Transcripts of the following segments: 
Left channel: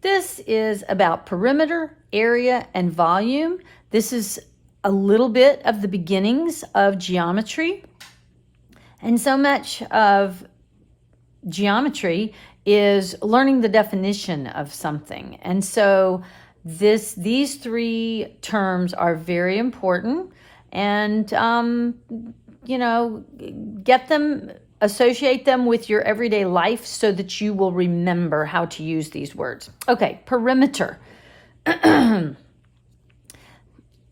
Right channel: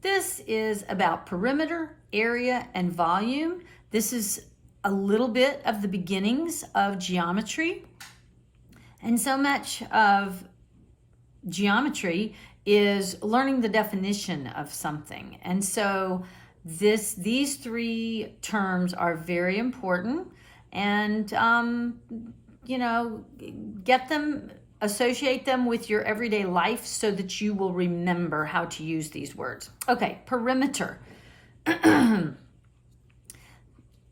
This is about perimeter, area, and volume. This is a little bit of the beginnings of geometry. And so much of geometry is learning the definition of something. And so these three terms are very important, and get them, associate them with your everyday life so that you will remember how to use these words. Okay, perimeter.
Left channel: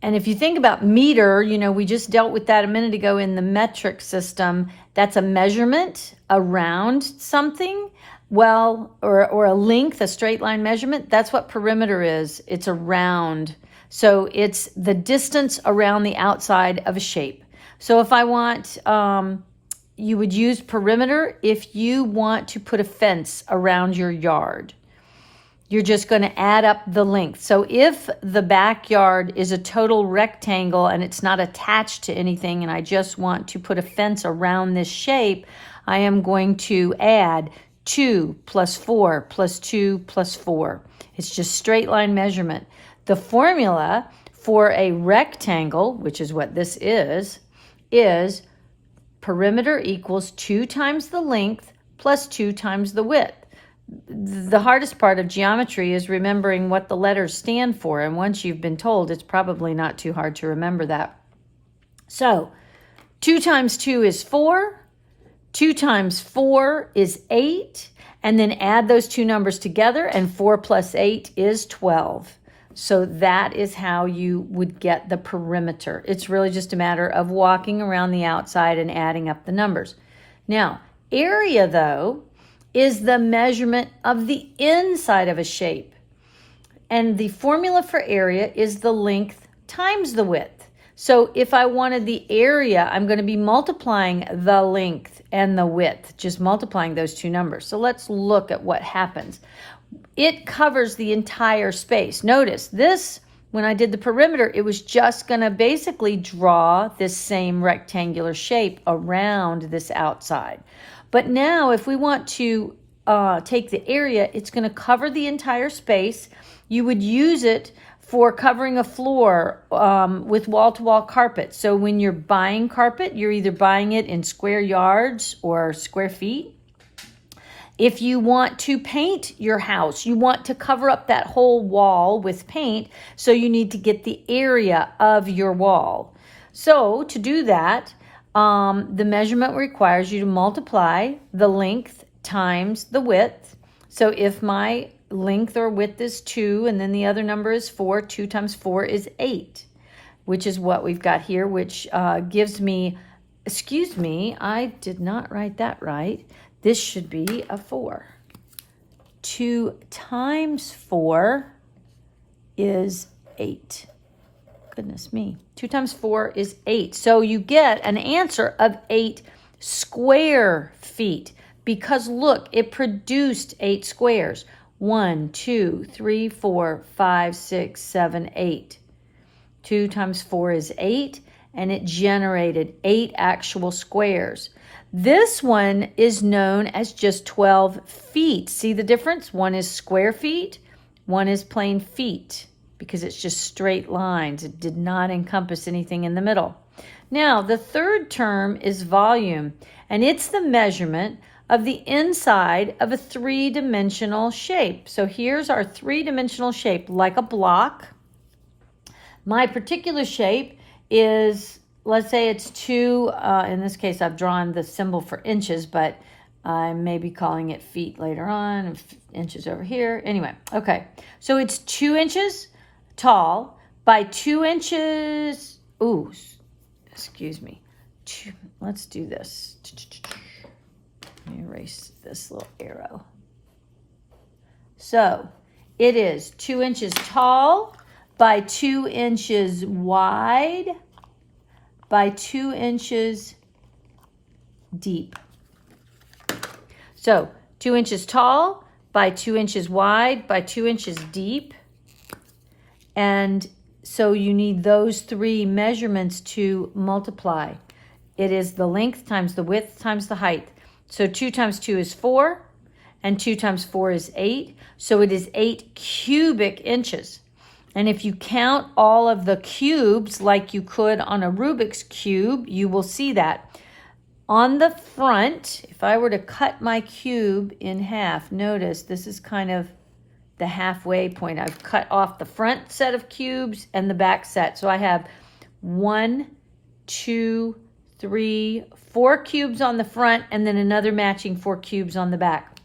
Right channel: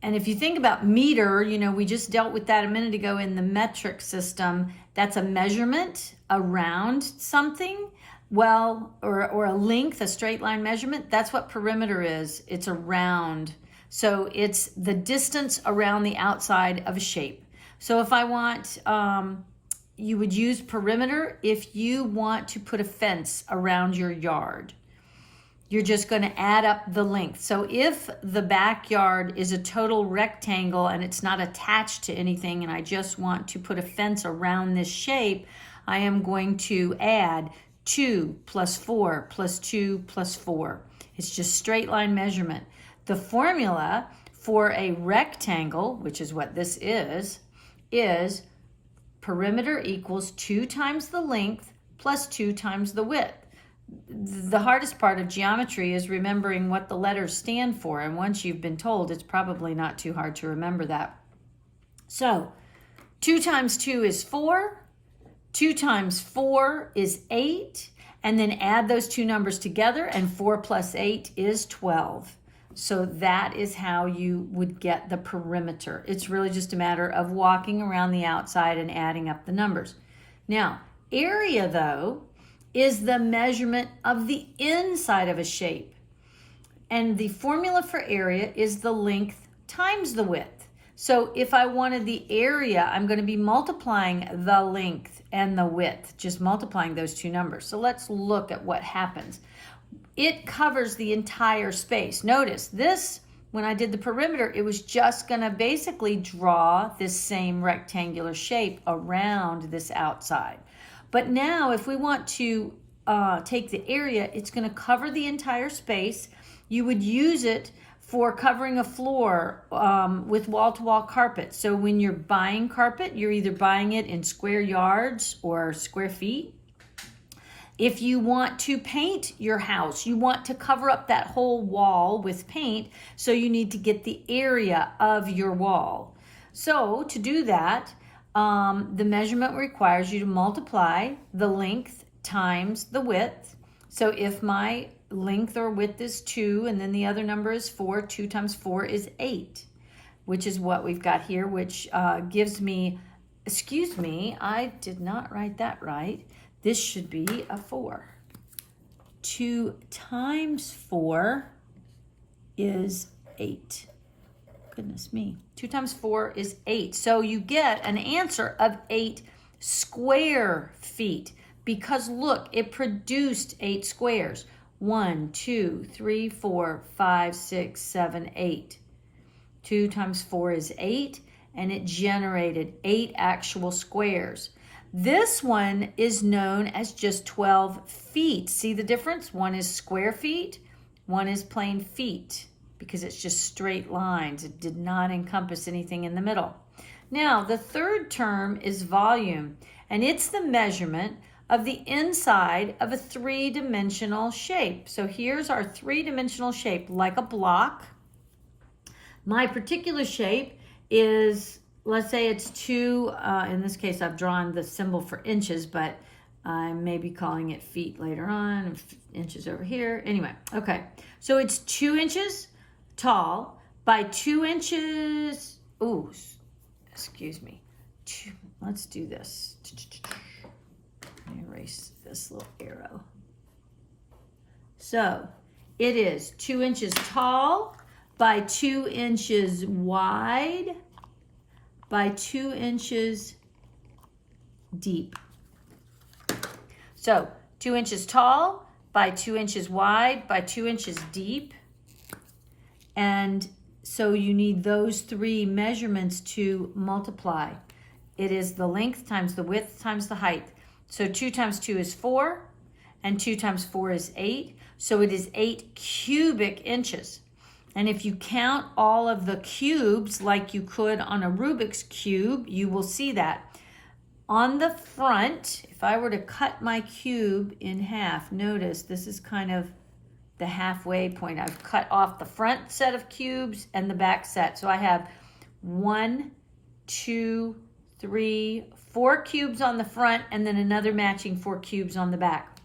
And if you think about meter, we just dealt with that a minute ago in the metric system. That's a measurement around something. Well, or a length, a straight line measurement. That's what perimeter is. It's around. So it's the distance around the outside of a shape. So if I want, you would use perimeter if you want to put a fence around your yard. You're just going to add up the length. So if the backyard is a total rectangle and it's not attached to anything, and I just want to put a fence around this shape, I am going to add 2 plus 4 plus 2 plus 4. It's just straight line measurement. The formula for a rectangle, which is what this is perimeter equals 2 times the length plus 2 times the width. The hardest part of geometry is remembering what the letters stand for, and once you've been told, it's probably not too hard to remember that. So 2 times 2 is 4, 2 times 4 is 8, and then add those two numbers together, and 4 plus 8 is 12. So that is how you would get the perimeter. It's really just a matter of walking around the outside and adding up the numbers. Now, area, though, is the measurement of the inside of a shape. And the formula for area is the length times the width. So if I wanted the area, I'm going to be multiplying the length and the width, just multiplying those two numbers. So let's look at what happens. It covers the entire space. Notice this, when I did the perimeter, it was just going to basically draw this same rectangular shape around this outside. But now if we want to take the area, it's going to cover the entire space. You would use it for covering a floor with wall-to-wall carpet. So when you're buying carpet, you're either buying it in square yards or square feet. If you want to paint your house, you want to cover up that whole wall with paint, so you need to get the area of your wall. So to do that, the measurement requires you to multiply the length times the width. So if my length or width is 2 and then the other number is 4, 2 times 4 is 8, which is what we've got here, which gives me, excuse me, I did not write that right. This should be a 4. 2 times 4 is 8. Goodness me. 2 times 4 is 8. So you get an answer of 8 square feet, because look, it produced 8 squares. 1, 2, 3, 4, 5, 6, 7, 8. 2 times 4 is 8, and it generated 8 actual squares. This one is known as just 12 feet. See the difference? One is square feet, one is plain feet, because it's just straight lines. It did not encompass anything in the middle. Now, the third term is volume, and it's the measurement of the inside of a three-dimensional shape. So here's our three-dimensional shape, like a block. My particular shape is, let's say it's 2, in this case I've drawn the symbol for inches, but I may be calling it feet later on, inches over here. Anyway, okay, so it's 2 inches tall by 2 inches, ooh, excuse me, let's do this. Let me erase this little arrow. So it is 2 inches tall by 2 inches wide by 2 inches deep. So 2 inches tall by 2 inches wide by 2 inches deep. And so you need those three measurements to multiply. It is the length times the width times the height. So 2 times 2 is 4. and 2 times 4 is 8. So it is 8 cubic inches. And if you count all of the cubes like you could on a Rubik's Cube, you will see that. On the front, if I were to cut my cube in half, notice this is kind of the halfway point. I've cut off the front set of cubes and the back set. So I have 1, 2, 3, 4 cubes on the front and then another matching 4 cubes on the back.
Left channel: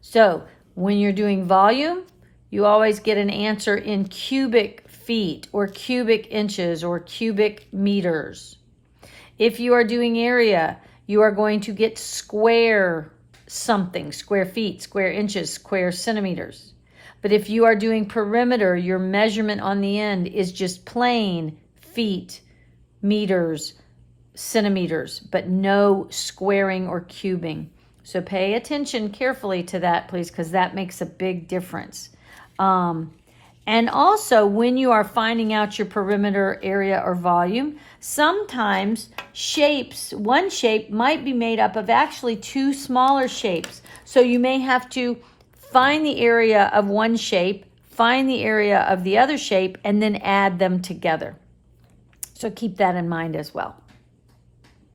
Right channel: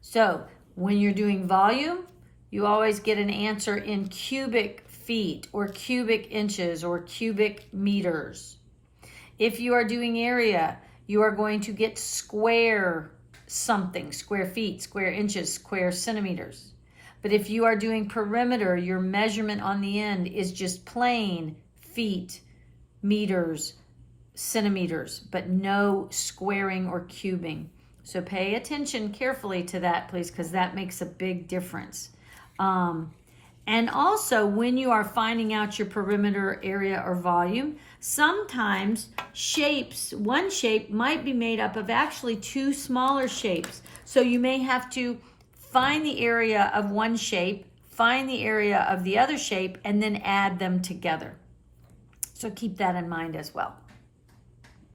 So when you're doing volume, you always get an answer in cubic feet or cubic inches or cubic meters. If you are doing area, you are going to get square something, square feet, square inches, square centimeters. But if you are doing perimeter, your measurement on the end is just plain feet, meters, centimeters, but no squaring or cubing. So pay attention carefully to that, please, because that makes a big difference. And also, when you are finding out your perimeter, area, or volume, sometimes shapes, one shape might be made up of actually 2 smaller shapes. So you may have to find the area of one shape, find the area of the other shape, and then add them together. So keep that in mind as well.